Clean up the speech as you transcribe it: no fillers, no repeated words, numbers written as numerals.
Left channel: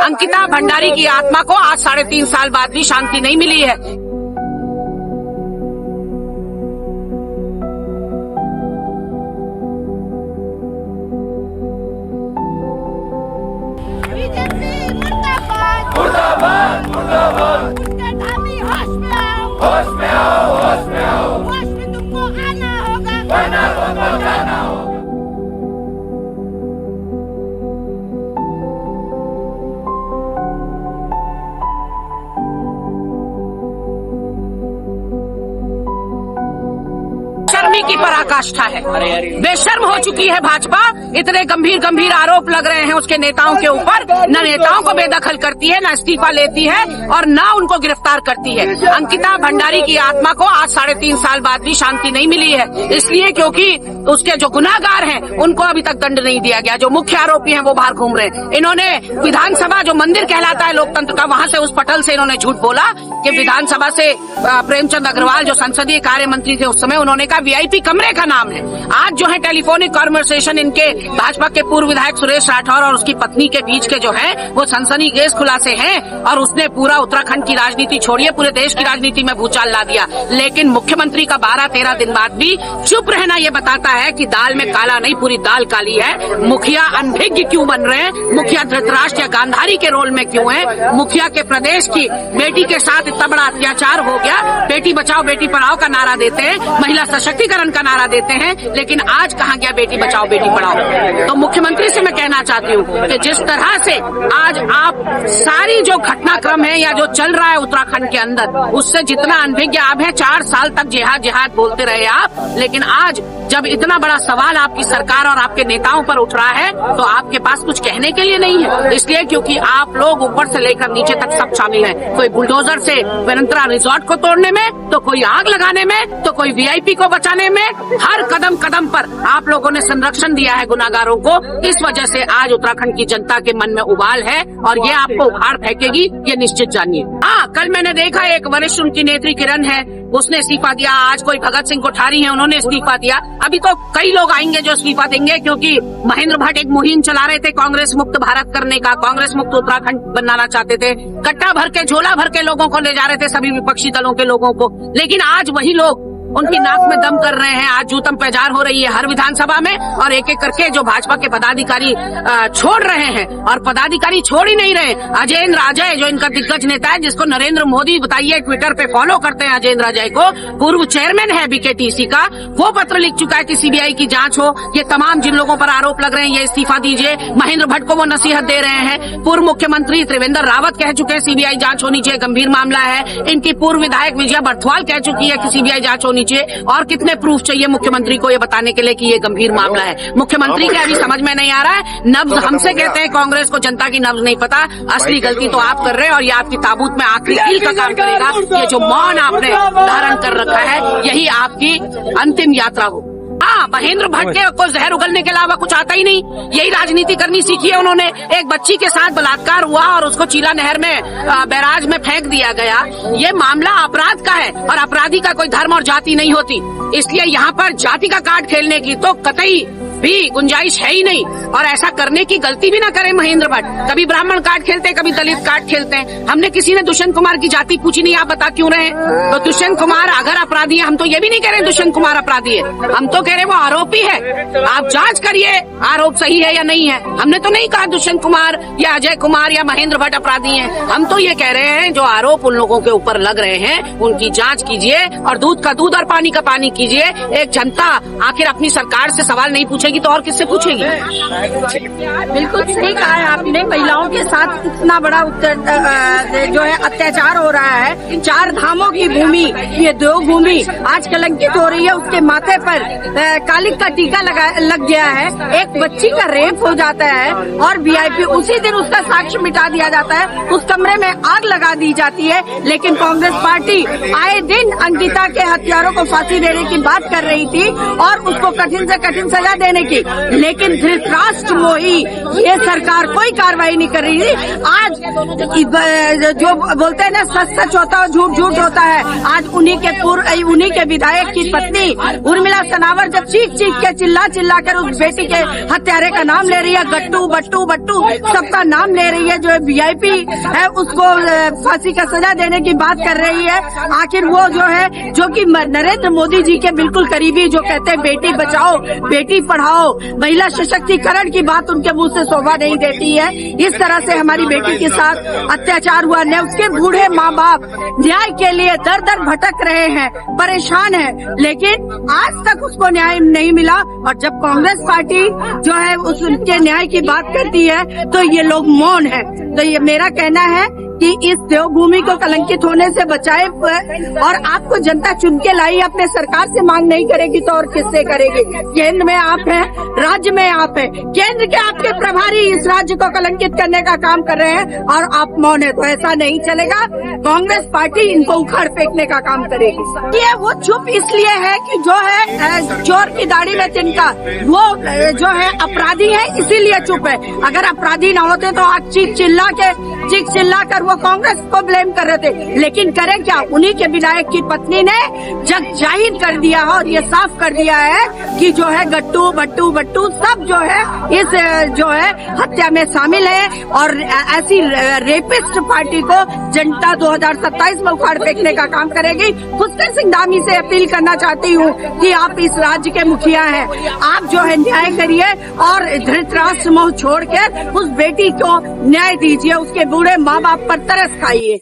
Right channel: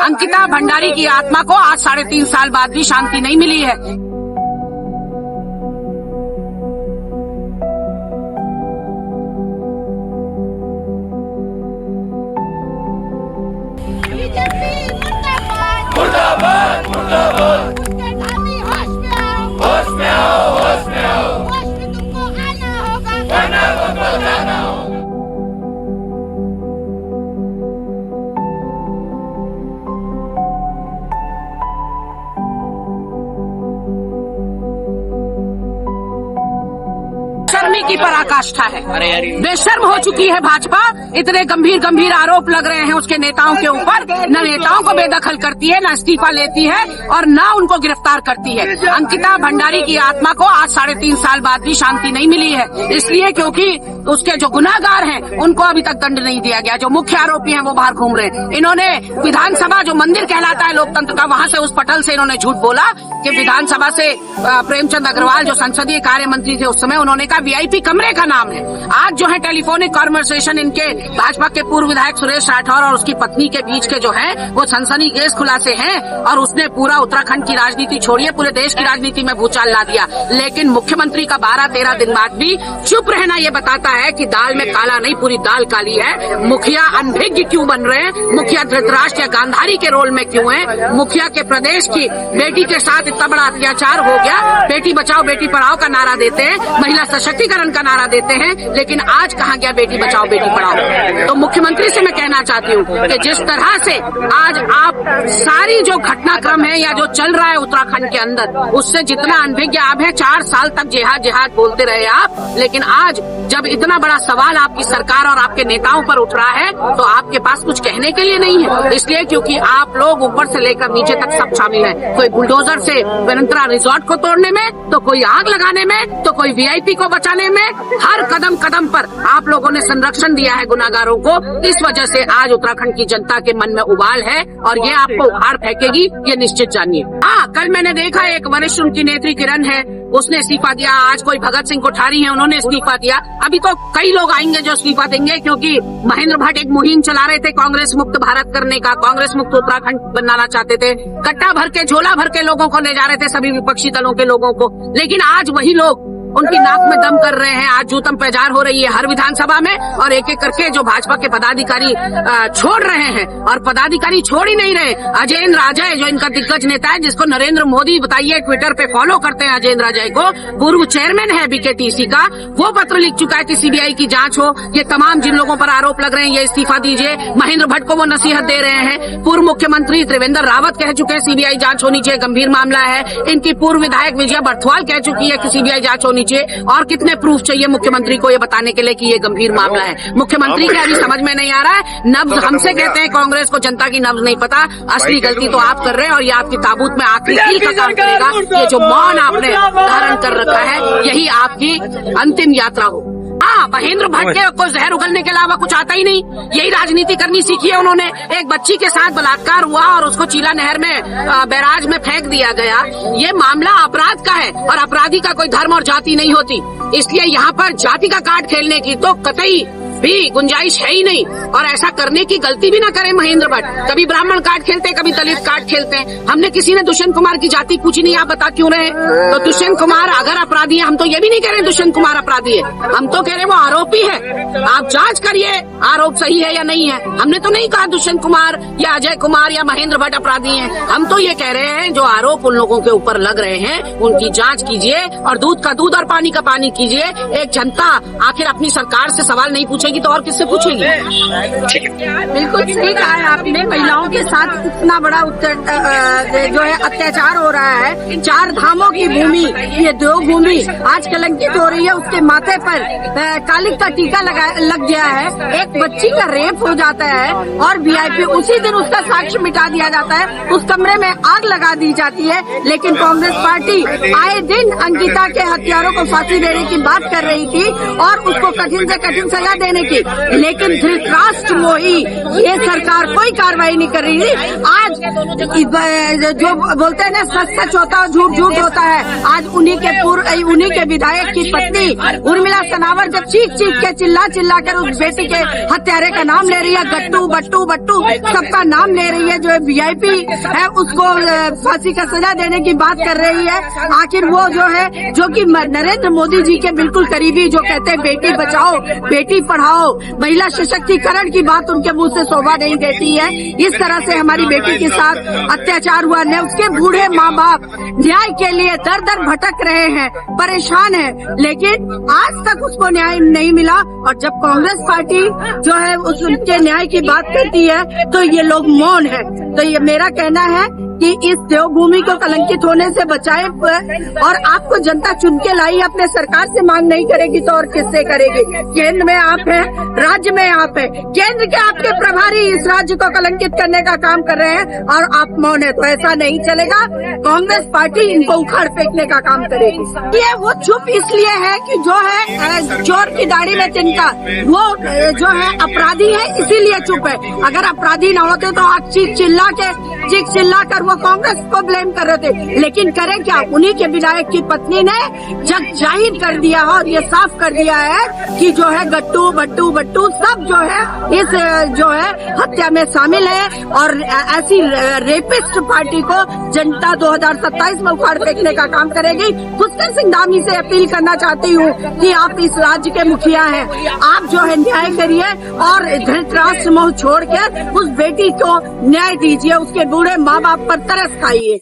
अंकिता भंडारी की आत्मा को आज 3.5 साल बाद भी शांति नहीं मिली है। बीजेपी मुर्दाबाद मुर्दाबाद मुर्दाबाद। उसके धामी होश में आओ, होश में आओ, होश में आओ। होश में तुमको आना होगा, वरना तुमको जाना होगा। शर्मी की पराकाष्ठा है। बेशर्म हो चुकी है भाजपा। इतने गंभीर गंभीर आरोप लग रहे हैं उसके नेताओं के ऊपर, न नेताओं को बेदखल करती है, न इस्तीफा लेती है और न उनको गिरफ्तार करती है। अंकिता भंडारी की आत्मा को आज 3.5 साल बाद भी शांति नहीं मिली है, इसलिए क्योंकि उसके जो गुनाहगार हैं उनको अभी तक दंड नहीं दिया गया। जो मुख्य आरोपी हैं वो बाहर घूम रहे हैं। इन्होंने विधानसभा जो मंदिर कहलाता है लोकतंत्र का, वहां से उस पटल से इन्होंने झूठ बोला कि विधानसभा से प्रेमचंद अग्रवाल जो संसदीय कार्य मंत्री थे उस समय, उन्होंने कहा VIP कमरे का नाम है। आज जो है टेलीफोनिक कॉन्वर्सेशन इनके भाजपा के पूर्व विधायक सुरेश राठौर और उसकी पत्नी के बीच के जो है वो सनसनीखेज खुलासे हैं और उसने पूरा उत्तराखंड की राजनीति छोड़िए पूरे देश की राजनीति में भूचाल ला दिया। लेकिन मुख्यमंत्री का 12-13 दिन बाद भी चुप रहना ये बताता है कि दाल में काला नहीं, पूरी दाल काली है। मुखिया अनभिज्ञ क्यों बन रहे हैं, मुखिया धृतराष्ट्र या गांधारी के रोल में क्यों है, मुखिया के प्रदेश की बेटी के साथ इतना बड़ा अत्याचार हो गया। बेटी बचाओ बेटी पढ़ाओ का नारा देते हैं, महिला सशक्तिकरण का नारा देते हैं, लेकिन आज कहाँ गया बेटी बचाओ बेटी पढ़ाओ। तो मुख्यमंत्री से मैं कहना चाहती हूँ कि जिस तरह से आज आप सारी जो घटनाक्रम है या जो चल रहा है उत्तराखंड के अंदर, उससे जितना अनभिज्ञ आप है, 4 साल तक जिहाद जिहाद बोलते रहे आप, लेकिन आज जब इतना बड़ा सवाल आपकी सरकार और आपके नेताओं पर उठ रहा है तो आपके पास कुछ कहने के लिए नहीं है। इसलिए क्योंकि आप लोग ऊपर से लेकर नीचे तक सब शामिल हैं। कोई बुलडोजर से वेनंतरा रिजॉर्ट को तोड़ने में, तो कोई आग लगाने में, तो कोई VIP को बचाने में, हर कदम कदम पर आप लोगों ने संरक्षण दिया है गुनाहगारों को। इस वजह से आज उत्तराखंड की जनता के मन में उबाल है और ये आपको उखाड़ फेंकेगी, ये निश्चित जानिए। हाँ, कल मैंने देखा एक वरिष्ठ उनकी नेत्री किरण है, उसने इस्तीफा दिया। आज कोई भगत सिंह कोठारी है, उन्होंने इस्तीफा दिया। अभी तो कई लोग आएंगे जो इस्तीफा देंगे, क्योंकि महेंद्र भट्ट एक मुहिम चला रहे थे कांग्रेस मुक्त भारत करने का, कांग्रेस मुक्त उत्तराखंड बनाना चाहते थे। कट्टा भर के झोला भर के लोगों को ले जा रहे थे, सभी विपक्षी दलों के लोगों को। लेकिन आज वही लोग उनकी नाक में दम कर रहे हैं। आज जूतम पेजार हो रही है हर विधानसभा में और एक एक करके जो भाजपा के पदाधिकारी छोड़ रहे हैं, और पदाधिकारी छोड़ ही नहीं रहे। अजयेंद्र अजय जो इनका दिग्गज नेता है, जिसको नरेंद्र मोदी बताइए ट्विटर पे फॉलो करते हैं, अजयेंद्र अजय को, पूर्व चेयरमैन है BKTC का, वो पत्र लिख चुका है कि CBI की जांच हो। ये तमाम जिन लोगों पर आरोप लग रहे हैं ये इस्तीफा दीजिए। महेंद्र भट्ट को वो नसीहत दे रहे हैं। पूर्व मुख्यमंत्री त्रिवेंद्र रावत कह चुके हैं CBI जांच होनी चाहिए, गंभीर मामला है। इनकी पूर्व विधायक विजया बर्थवाल कह चुकी है कि CBI जांच होनी चाहिए। और कितने प्रूफ चाहिए मुख्यमंत्री को ये बताने के लिए कि ये गंभीर मामला है। मुख्यमंत्री के अभी समझ में नहीं आ रहा है। नब्ज हमसे कहते हैं कांग्रेस को जनता की नब्ज नहीं पता। असली गलती तो आप कर रहे हैं और ये आपकी ताबूत में आखिरी कील का काम करेगा। ये जो मौन आपने धारण कर रखा है, यही आपकी अंतिम यात्रा हो। हाँ, महेंद्र भट्ट के को जहर उगलने के अलावा कुछ आता ही नहीं। यही राजनीति करनी सीखी है उन्होंने। एक बच्ची के साथ बलात्कार हुआ और उसको चीला नहर में बैराज में फेंक दिया गया। ये मामला अपराध का है और अपराधी का कोई धर्म और जाति नहीं होती। इसलिए यहाँ पर जाति का कार्ड खेलने की तो कतई भी गुंजाइश है ही नहीं। और ऐसा करने की गलती भी ना करें महेंद्र भट्ट। कभी ब्राह्मण कार्ड खेलते हैं, कभी दलित कार्ड खेलते हैं। हमने किसी ने दुष्यंत कुमार की जाति पूछी नहीं, आप बता क्यों रहे? तो दुष्यंत कुमार अगर अपराधी है, हम तो ये भी नहीं कह रहे दुष्यंत कुमार अपराधी है, हम तो कह रहे वो आरोपी है। आप जांच करिए आरोप सही है या नहीं है। हमने तो नहीं कहा दुष्यंत कुमार या अजय कुमार या महेंद्र भट्ट अपराधी हैं। हम तो ये कह रहे हैं जो आरोप उन लोगों के ऊपर लग रहे हैं उनकी जांच कीजिए और दूध का दूध और पानी का पानी कीजिए। एक जनता आखिर अपनी सरकार से सवाल नहीं पूछेगी तो और किससे पूछेगी? बिल्कुल सही कहा है आपने। महिलाओं के साथ इतना बड़ा जो है अत्याचार हो रहा है। 4 धामों की भूमि, ये 2 भूमि आज कलंकित हो रही है। उसके माथे पर कालिक का टीका लग गया है। एक बच्ची का रेप हो जाता है और VIP उसी दिन उसका साक्ष्य मिटा दिया जाता है। उस कमरे में आग लगा दी जाती है। लेकिन कांग्रेस पार्टी आए दिन अंकिता के हत्यारों को फांसी देने की बात कर रही थी और उसको कठिन से कठिन सजा देने देने की, लेकिन धृतराष्ट्र मोही ये सरकार कोई कार्रवाई नहीं कर रही है। आज जो बोलते हैं ना सच सच होता है झूठ झूठ होता है, आज उन्हीं के विधायक की पत्नी उर्मिला सनावर जब चीख चीख के चिल्ला कर उस बेटी के हत्यारे का नाम ले रही है, गट्टू बट्टू बट्टू सबका नाम ले रही है, जो VIP है उसको फांसी का सजा देने की बात कर रही है। आखिर वो जो है जो कि नरेंद्र मोदी जी के बिल्कुल करीबी, जो कहते हैं बेटी बचाओ बेटी पढ़ाओ, महिला सशक्तिकरण की बात उनके मुंह से शोभा नहीं देती है। इस तरह से हमारी बेटी के साथ अत्याचार हुआ, ने उसके बूढ़े माँ बाप न्याय के लिए दर दर भटक रहे हैं, परेशान है, लेकिन आज तक उसको न्याय नहीं मिला। और जब कांग्रेस पार्टी जो है उसके न्याय की बात करती है तो ये लोग मौन है। तो ये मेरा कहना है कि इस देवभूमि को कलंकित होने से बचाए, और आपको जनता चुन के लाई, अपने सरकार से मांग नहीं करेगी तो और किससे करेगी? केंद्र में आप हैं, राज्य में आप हैं, केंद्र के आपके प्रभारी इस राज्य को कलंकित करने का काम कर रहे हैं और आप मौन है, तो ऐसा नहीं चलेगा। कांग्रेस पार्टी इनको उखाड़ फेंकने का काम करेगी। ये वो चुप इसलिए है कि जो है चोर की दाढ़ी में तिनका, वो जो है अपराधी है इसीलिए चुप है। अगर अपराधी न होते तो आज चीख चिल्ला कर वो कांग्रेस को ब्लेम कर रहे थे, लेकिन करें क्या? उन्हीं के विधायक की पत्नी ने जग जाहिर कर दिया और ये साफ कर दिया है कि जो है गट्टू बट्टू बट्टू सब जो है इस जो है हत्या में शामिल है। और ऐसी रेपिस्ट पार्टी को जनता 2027 में उखाड़ फेंकने का काम करेगी। पुष्कर सिंह धामी से अपील करना चाहती हूँ कि आप इस राज्य के मुखिया हैं, आप जो है न्याय करिए और धृतराष्ट्र मोह छोड़ के उस बेटी को न्याय दीजिए, उसके बूढ़े माँ बाप पर तरस खाइए।